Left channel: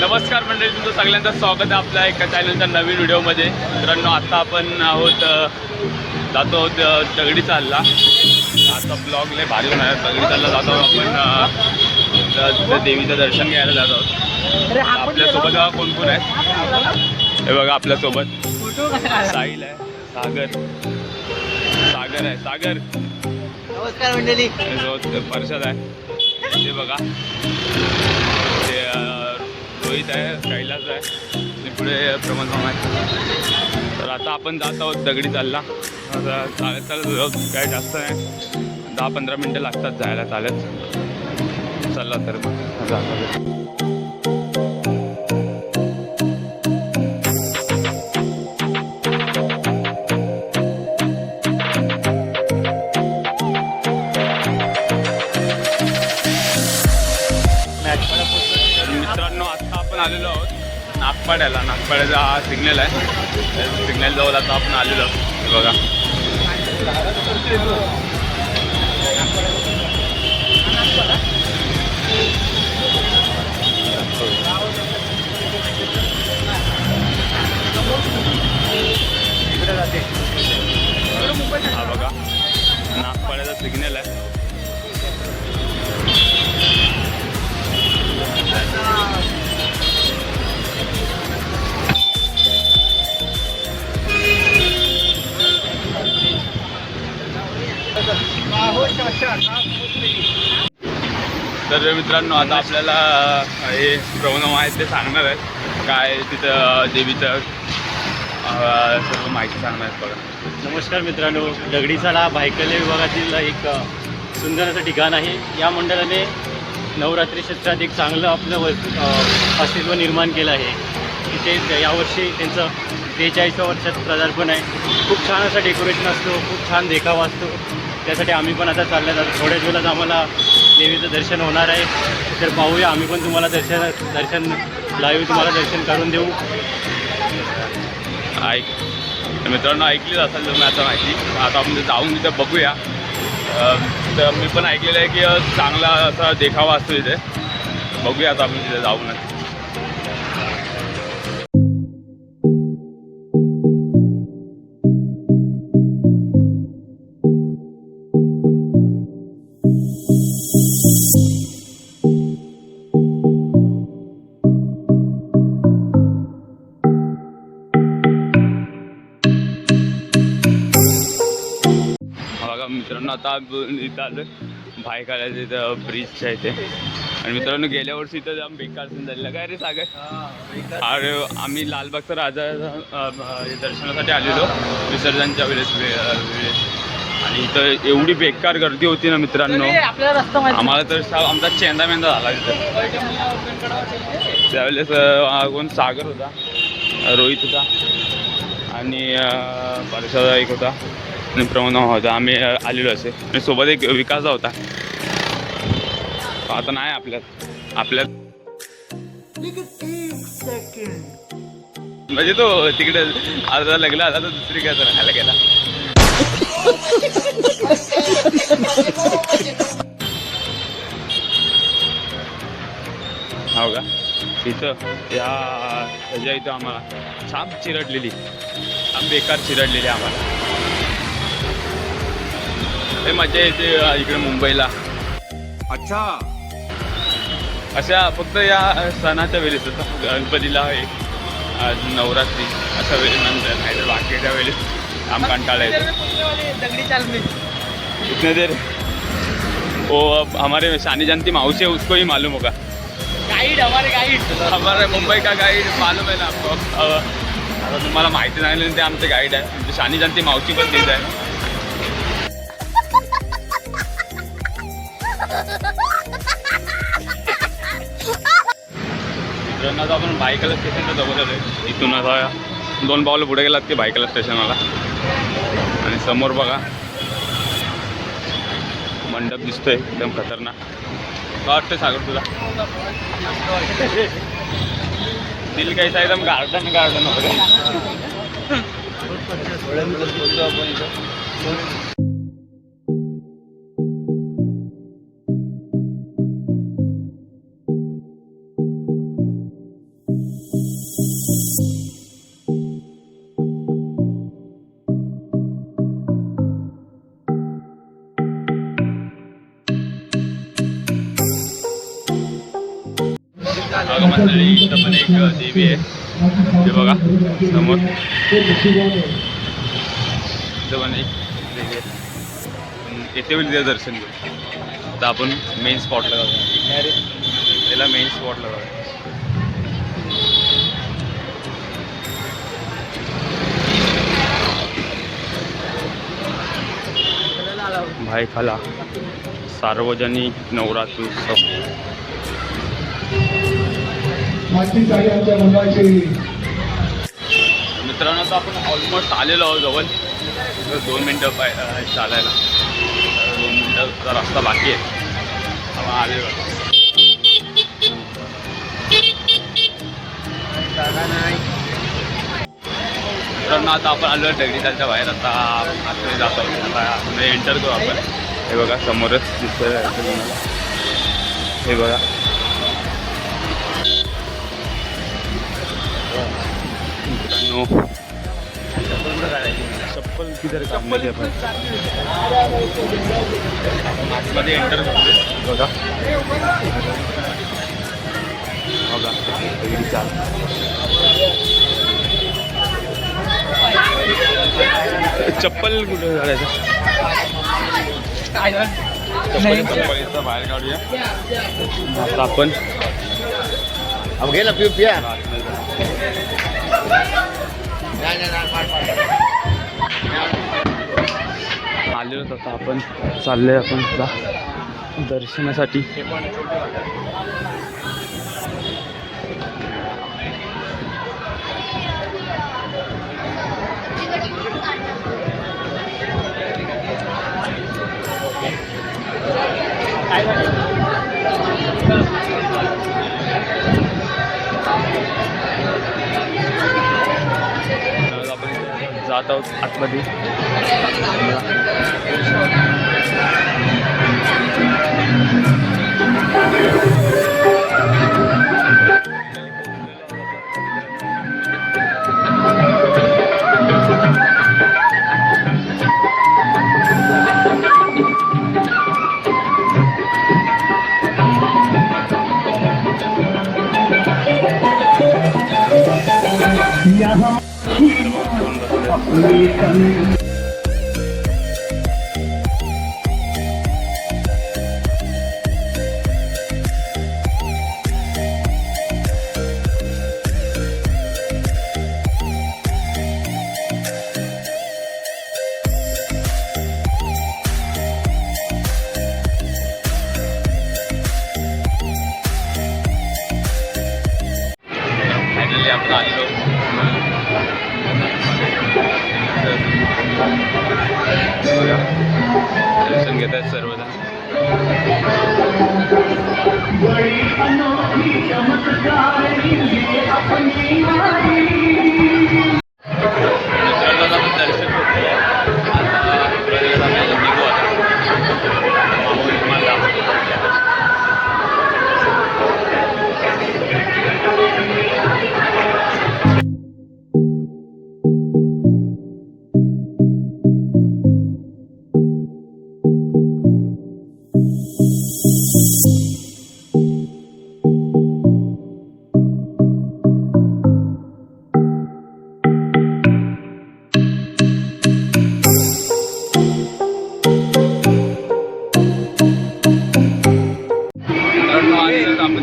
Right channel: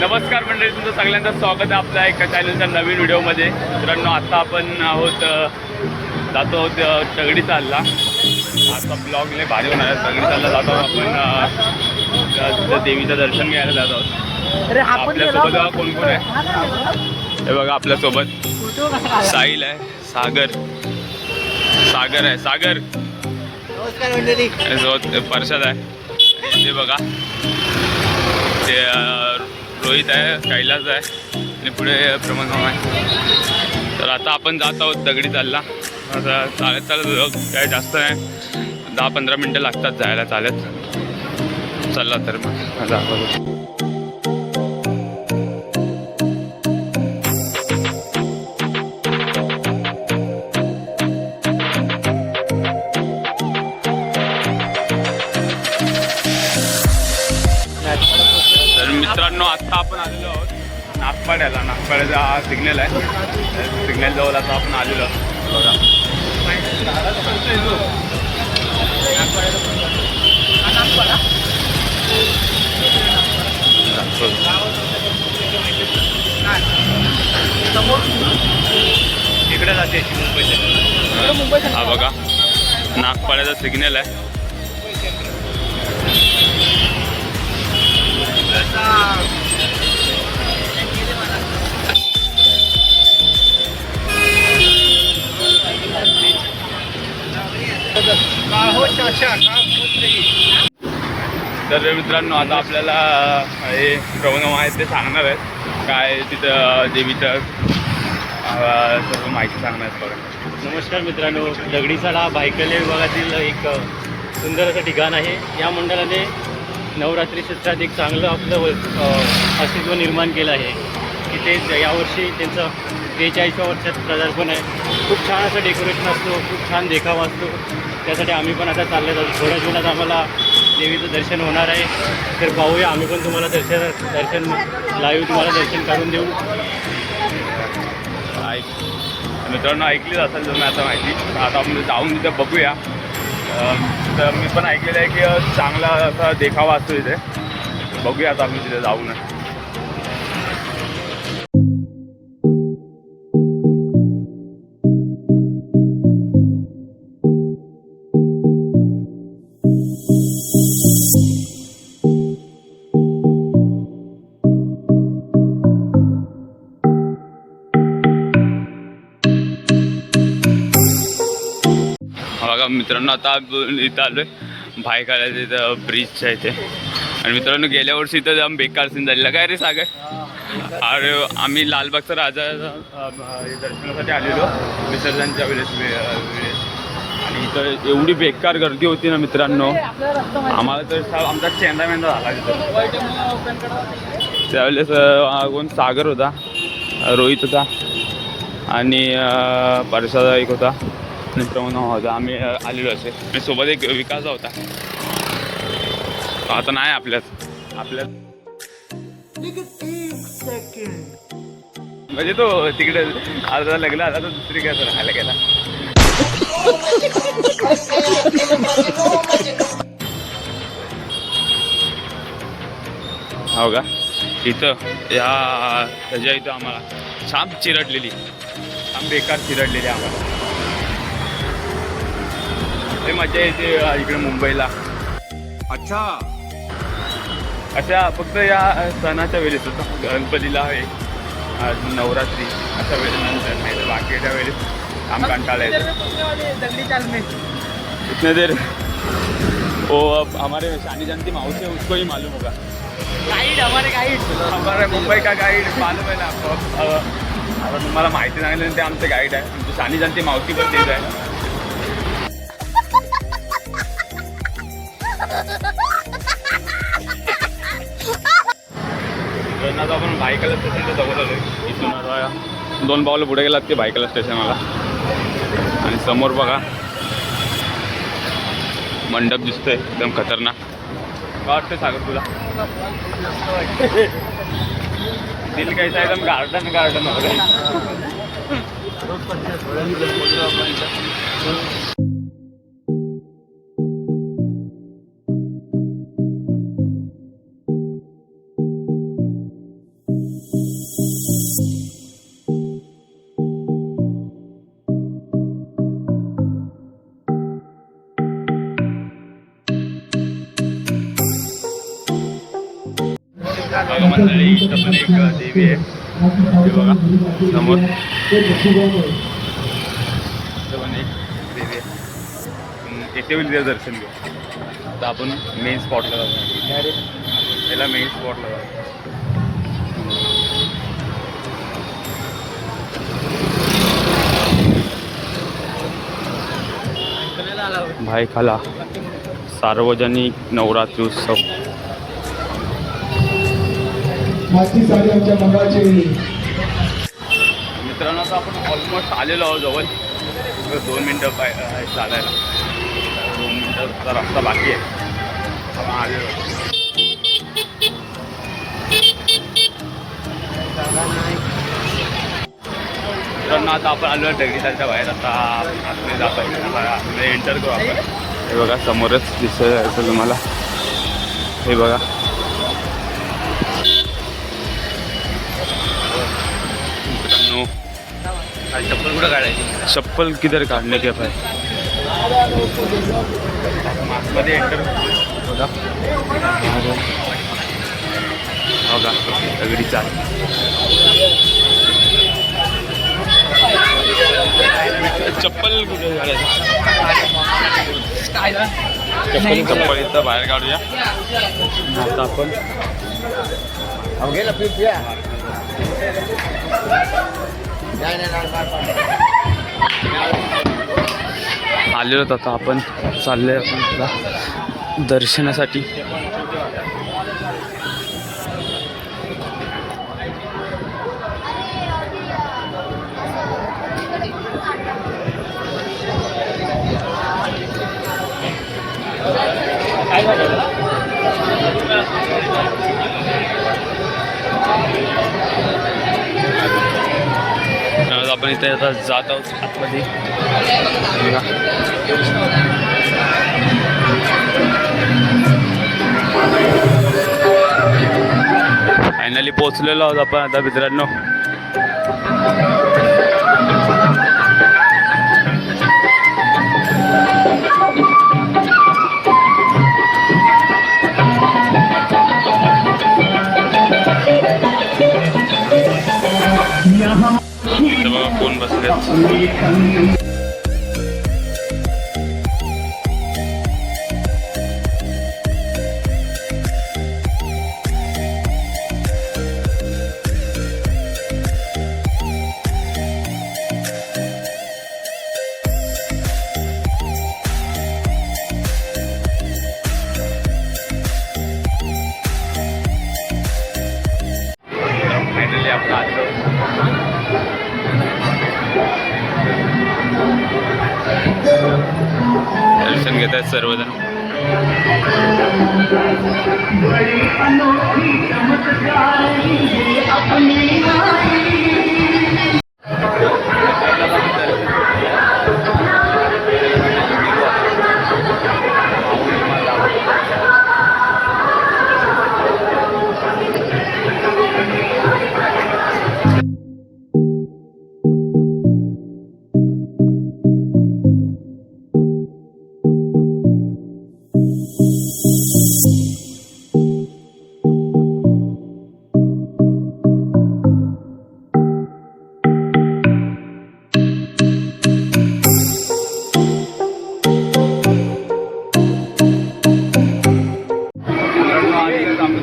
नमस्कार मंडळी तुमचं सगळ्यांचं स्वागत आहे आपल्या एका चॅनलच्या नवीन व्हिडिओमध्ये. मित्रांनो आता आपण आहोत जातो आहोत दगडी चालला. आता ब्लॉग लय भारी होणार दगडी चालला जातो आहोत आपण देवीचं दर्शन घ्यायला जात आहोत. आपल्यासोबत कोण कोण आहे. हे बघा आपल्यासोबत. साहिल आहे सागर. सागर आहे सागर. नमस्कार मंडळी. परशाद आहे. ते बघा. ते रोहित आहे कैलास आहे आणि पुढे प्रमोद मामा आहे. तर आता आपण जात आहोत दगडी चालला. आता चालत चालत काय जास्त नाही. दहा पंधरा मिनटं लागतात जायला चालत. चला तर मग जातो नागपाड्याला नागपाड्याचा हा सिग्नल आहे. सिग्नल जवळ आता आपण आलेलो. बघा. इकडे हा बघा. नागपाड्याचा सिग्नल आहे. तर मित्रांनो आता आपल्याला हे प्रवणव आहेत ते सांगणार आहेत. काय तिथं देवीचं सर्व माहिती सांगणार आहेत बघा. नमस्कार मित्रांनो दगडीचाला भायकले विभागातील एक सुंदर असं ठिकाण आहे. या मंडळाने नवरात्री क्षेत्रात एक चांगलं आपलं अस्तित्व निर्माण केलं आहे. तिथे यावर्षी त्यांचं बेचाळीसव्या वर्षात प्रदार्पण आहे. खूप छान असं डेकोरेशन असतो खूप छान देखावा असतो. त्यासाठी आम्ही पण आता चालले जातो. थोड्याच वेळात आम्हाला देवीचं दर्शन होणार आहे. तर पाहूया आम्ही पण तुम्हाला दर्शन दर्शन लाईव्ह तुम्हाला दर्शन करून देऊ. ऐक. मित्रांनो ऐकलीच असेल तुम्ही आता माहिती. आता आपण जाऊन तिथे बघूया. तर मी पण ऐकलेलं आहे की चांगला असा देखावा असतो इथे बघूया आता आपण तिथे जाऊन मित्रांनो आता इथं आलोय. भाई काढायचं इथं ब्रिजच्या इथे. आणि मित्रांनो गेल्या वर्षी इथं जाम बेकार सीन झालेला. काय रे सागर? अरे आम्ही लालबागचा राजा दर्शनासाठी आलेलो. विसर्जनच्या वेळेस वेळेस. आणि इथं एवढी बेकार गर्दी होती ना मित्रांनो. आम्हाला तर आमचा चेंदा मेंदा झाला तिथं. त्यावेळेस कोण सागर होता. रोहित होता. आणि परसादा एक होता. आणि प्रमोद मामा होता आम्ही आलेलो असे. आणि सोबत एक विकास होता. आता नाही आपल्यात. आपल्यात. म्हणजे तो तिकडे अर्धा लागला आता तो दुसरी काय राहायला गेला. हो का? इथं या ह्याच्या इथं आम्हाला. छाप चिरडलेली. छान बेकार चिरडलेली आम्हाला. हे मजा येते इकडे मुंबईला. अच्छा. अशा फक्त या सणाच्या वेळेस होतं गणपतीला आहे आज नवरात्री अशा वेळेनंतर नाहीतर बाकीच्या वेळेस आम कंटाळा येतो. इतने देर वो अब हमारे शानी जानती माउसी है उसको ही मालूम होगा। गाईड हमारे गाईड हमारे मुंबई का गाईड मालूम आहे ना आता तुम्हाला माहिती सांगितलं ते आमचे गाईड आहे. म्हणजे शानी जानती मावशी पण तेच आहे ट्रेनला तर आपण बायकाला स्टेशनला जवळ आहे इथून असा दोन पावलं पुढे गेलात की बायकाला स्टेशनला आणि समोर बघा. मंडप दिसतोय एकदम खतरनाक. काय वाटतंय सागर तुला? दिल कैसा एकदम गार्डन गार्डन देवी आहे. हे बघा समोर. देवी आहे. दर्शन घेऊ आता आपण मेन स्पॉटला जाऊया. त्याला मेन स्पॉटला जाऊया. भायखाला सार्वजनिक नवरात्रोत्सव. साडी आमच्या मित्रांनो आता आपण ऑलमोस्ट आलेलो आहोत जवळ. दोन मिनटं पाय चालायला. दोन मिनटाचा रस्ता बाकी आहे. आपण आलेलो मित्रांनो आता आपण आलो दगडीच्या बाहेर. आता आतमध्ये जातो आतमध्ये एंटर करू आपण. हे बघा समोरच दिसत तुम्हाला. हे बघा. मित्रांनो. चप्पल कुठं काढायची चप्पल किधर काढणे के पाय आपण आतमध्ये एंटर बघा. बघा. दगडी चाल. चप्पल कुठे चप्पल चप्पल इथं बाहेर काढूया. आता आपण घे ना पिऊ पिया. आलेलो आता आपण चालले आपण दर्शनासाठी. आता जात आहोत आतमध्ये. फायनली पोहोचलेलो आहोत आपण आता मित्रांनो. कोण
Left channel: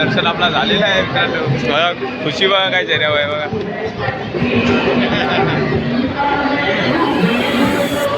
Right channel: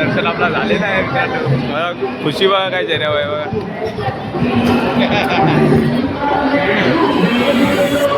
दर्शन आपला झालेलं आहे. बघा खुशी बघा काय चेहऱ्यावर आहे बघा.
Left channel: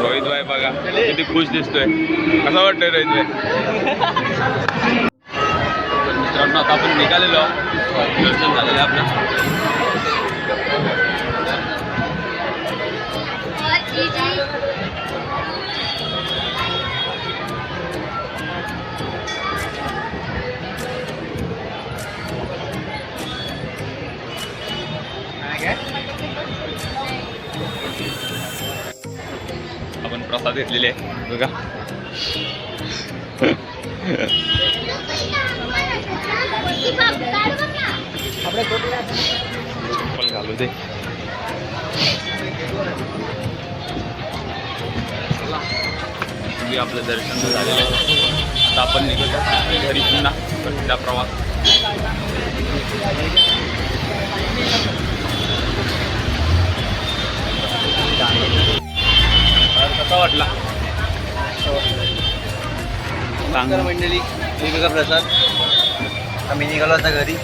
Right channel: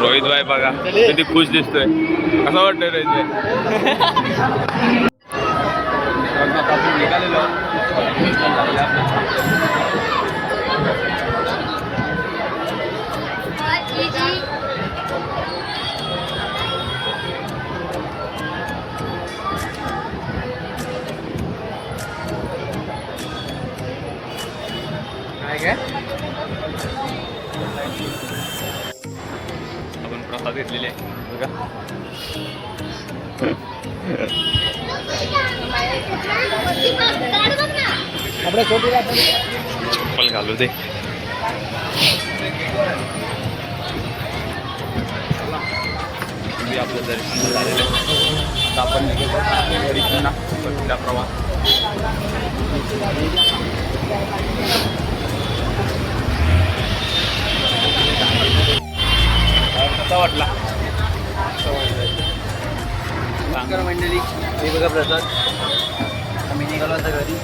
रोहित भाई बघा किती खुश दिसतोय. कसं वाटतंय रोहित भाई? मित्रांनो आता आपण निघालेलो दर्शन झालेलं आपलं. घेतलेले आहे. बघा. चप्पल घालू दे. आपलं दर्शन झालेलं आहे. आता आपण निघतो घरी पुन्हा. त्या प्रवास. कसा वाटला? नमस्कार मंडळी वेगवेगळा प्रसाद आम्ही निघालो आता घरी.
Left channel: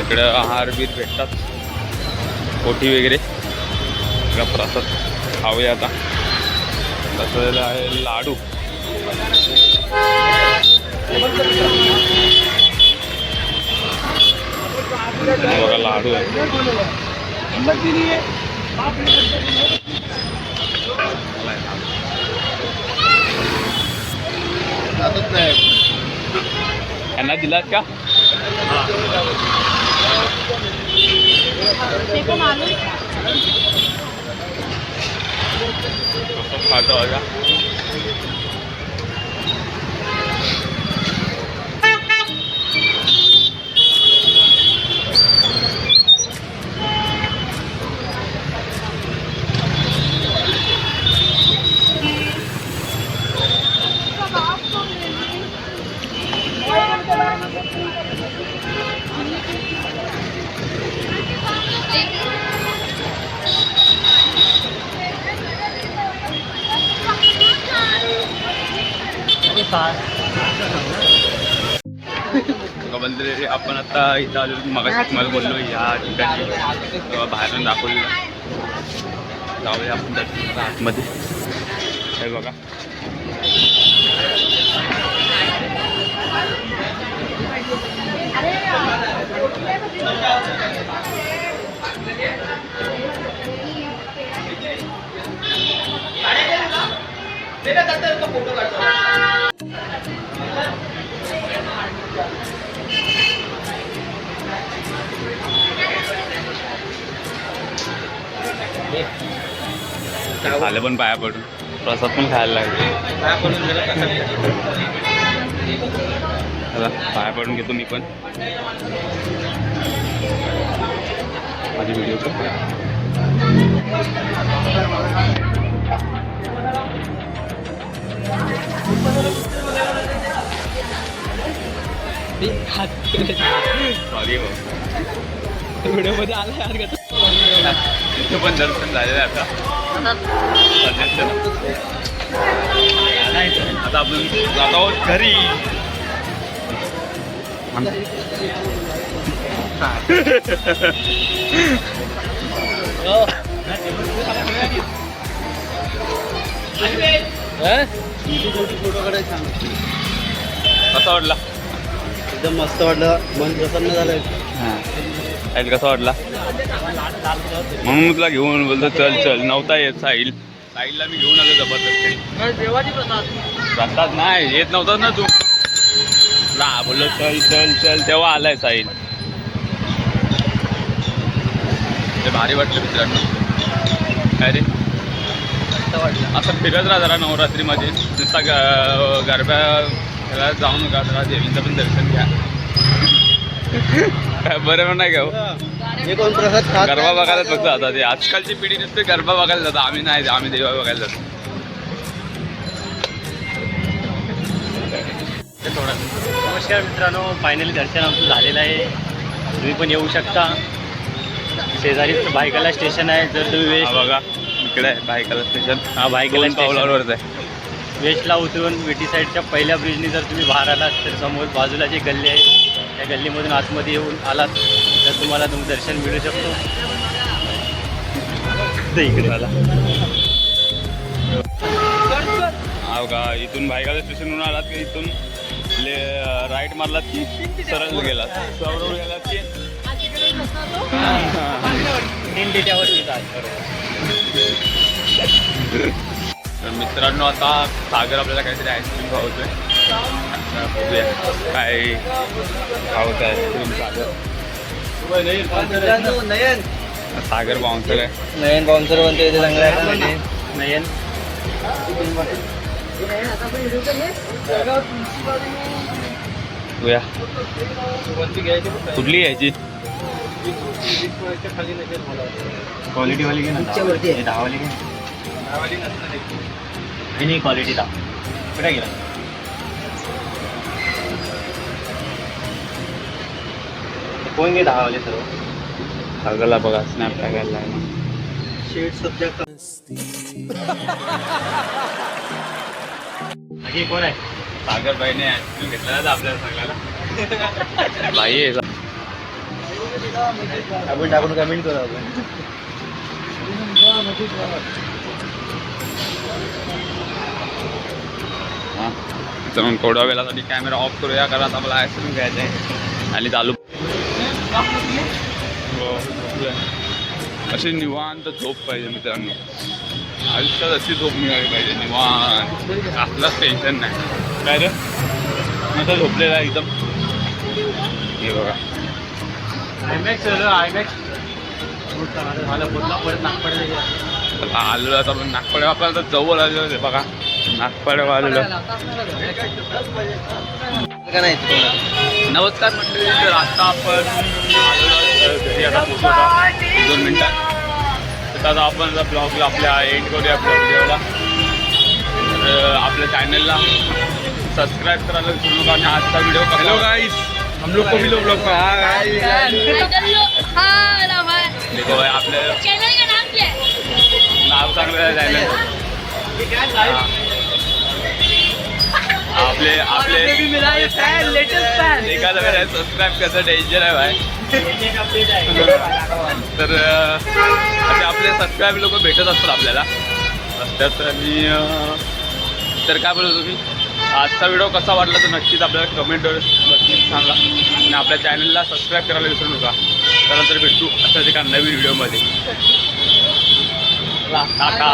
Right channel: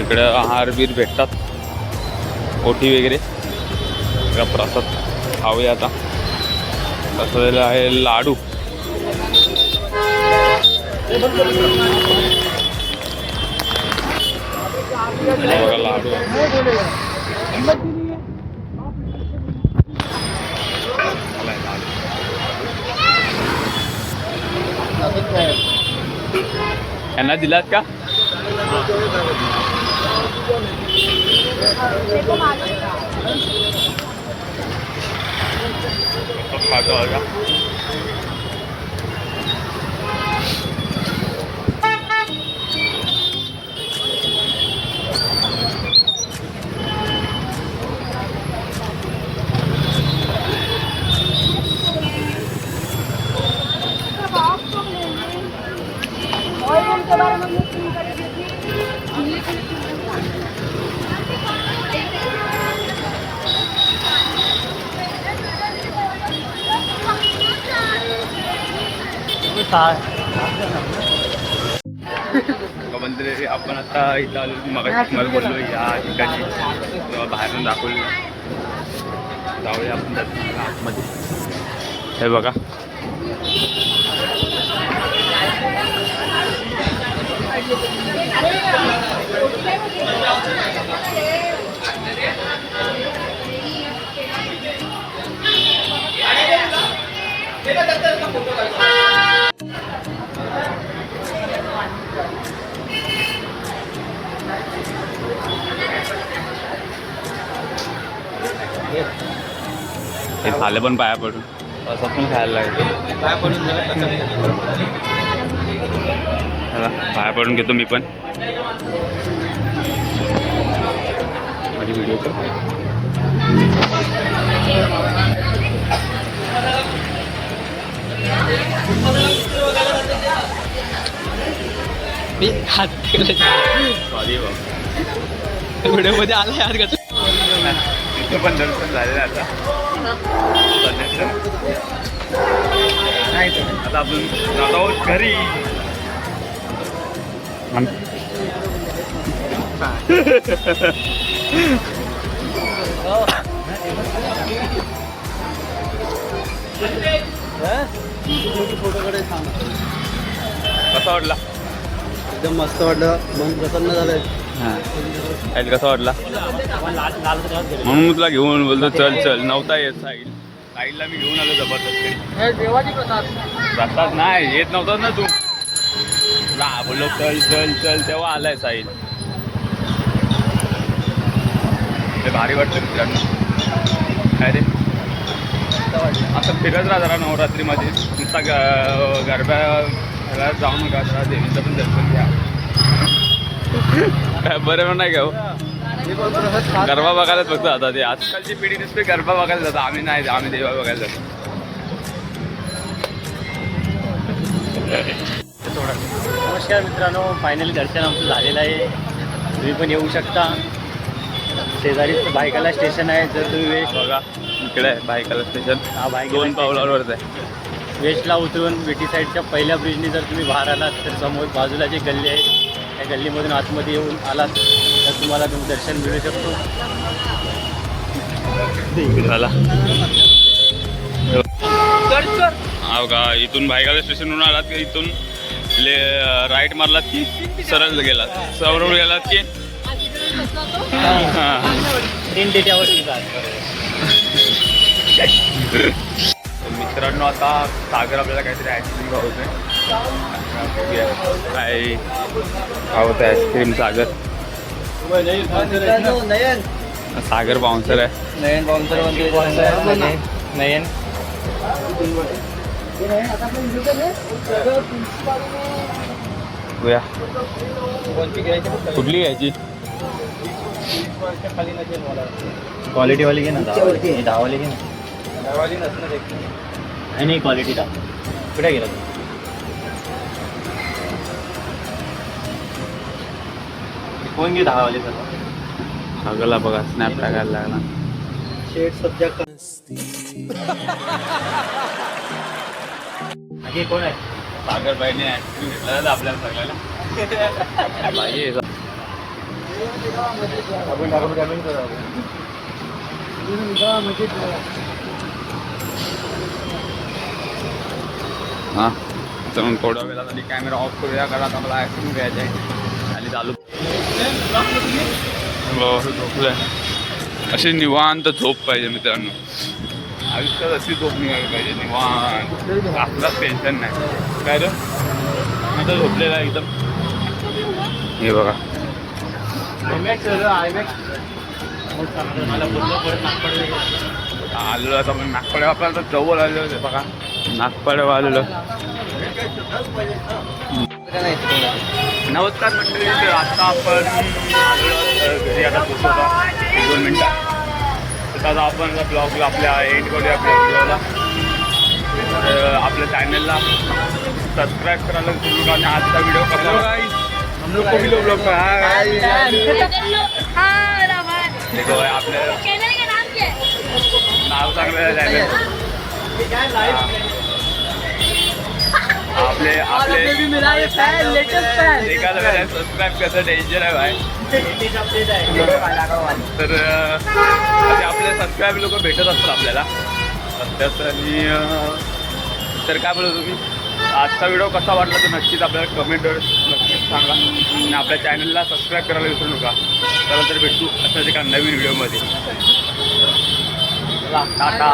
इकडं आहार बीर भेटतात. ओटी वगैरे. प्रसाद खाऊया आता. तसं आहे लाडू. बघा लाडू. आहे मला आहे लाडू. यांना दिलात का कसं खातो इथं आलो मग तुम्हाला बोललो या ठिकाणी. तेव्हा बाहेरून दाखवलं. जाऊया आपण दर्शनाला आतमध्ये. हे बघा. झालं पण पाया पडून. प्रसाद पण खायला लागले. काय पडून जरा चला पाया पडून घेतो मी पण. माझी व्हिडिओ सॉरी व्हिडिओमध्ये आला यार इथं पण दर्शन झालेलं आहे आता. सध्याचं. आता आपण जात आहोत घरी. कसा वाटला? एकदम मस्त वाटलं. मन प्रसन्न झालं हां. कसा वाटला म्हणून मी तुला घेऊन बोलतो चल चल नव्हता येत साहिल. साहिलला मी घेऊन आलो जबरदस्त. देवाची प्रसाद. प्रसाद नाही येत नव्हताच ना तू. ला बोललो चल चल चल तेव्हा आलाय साहिल. ते भारी वाटलं मित्रांनो. काय रे? असं फिरत राहा जरा नवरात्रीमध्ये. नुसता ग- गरब्या ह्याला जाऊ नका जरा देवीचं पण दर्शन घ्या. काय बरं नाही का हो? गरबा बघायला फक्त जातात ते आजकालची पिढी नुसते गरबा बघायला जातात. आम्ही नाही आम्ही देवा बघायला जातो. नमस्कार मित्रांनो. फायनली दर्शन आमचं झालेलं आहे. तुम्ही पण येऊ शकता. शेजारीच भायकाला स्टेशन आहे. जर तुम्ही वेस्ट बघा. इकडे आहे भायकाला स्टेशन हा, स्टेशन. पावलावरच आहे. वेस्टला उतरून विटी साईडच्या पहिल्या ब्रिजनी जर तुम्ही बाहेर आलात तर समोर बाजूला जी गल्ली आहे त्या गल्लीमधून आतमध्ये येऊन आलात तर तुम्हाला तुम दर्शन मिळू शकतो. चला हो का? इथून भायकाला स्टेशनवरून आलात की? इथून ले राईट मारलात की सरळ गेलात? सरळ गेलात की? मित्रांनो आता सागर आपल्याला काहीतरी आईस्क्रीम खावतोय आता बघूया काय आईस्क्रीम सागर. नयन सागर बाउन्सर आहे. नयन बाउन्सर म्हणते नयन. बघूया. कुठली घ्यायची क्वालिटी वाली घे ना दहा दहा वाली घे ना. नाही नाही क्वालिटी दहा. कुठे गेला कोण घे दहा सर्व सागरला बघा स्नॅप टाकायला लागला. शेड सध्या बाकी कोण आहे? सागर बाईने आईस्क्रीम घेतला आपल्याला सगळ्याला. आहे? आपण टाकून कमेंट करू. आपण हां तर थोड्या वेळासाठी कॅमेरा ऑफ करूया कारण आता मला आईस्क्रीम घ्यायचं आहे आणि चालू हो अशी निवांत झोप पाहिजे मित्रांनो. आयुष्यात अशी झोप मिळाली पाहिजे निवांत. आपलाच टेन्शन नाही. काय रे? आता झोपलेला एकदम. हे बघा. आयमॅक्स आयमॅक्स मला पूर्ण परत नागपूर आलो आता आपण नागपडे आपण आता जवळ आलेलो आहे बघा. नागपडे आलेलो. नमस्कार मंडळी तर आता आपण घरी आता पोचवतो एक दोन मिनटात तर आता आपण ब्लॉगला आपल्या एंड करूया आपल्या व्हिडिओला तर आपल्या चॅनलला सबस्क्राईब करायला विसरू नका आणि आजचा व्हिडिओ कसा ब्लॉग देखो भाई आपले चैनल का नाम क्या है? नाव चांगलं चॅनल आपले आपले एखादा सबस्क्राईब करायचं टेन्शन आहे भाई तर असे आपले सबस्क्राईब लोक भेटत असतात आपल्याला. रस्त्यात आणि तर काय बोलत मी? आजचा व्हिडिओ कसा वाटला तर नक्कीच आपल्याला कमेंटवर नक्कीच सांगा. आणि आपल्या चॅनलला सबस्क्राईब करायला विसरू नका. चला तर भेटू अशाच एका नवीन व्हिडिओमध्ये टाटा.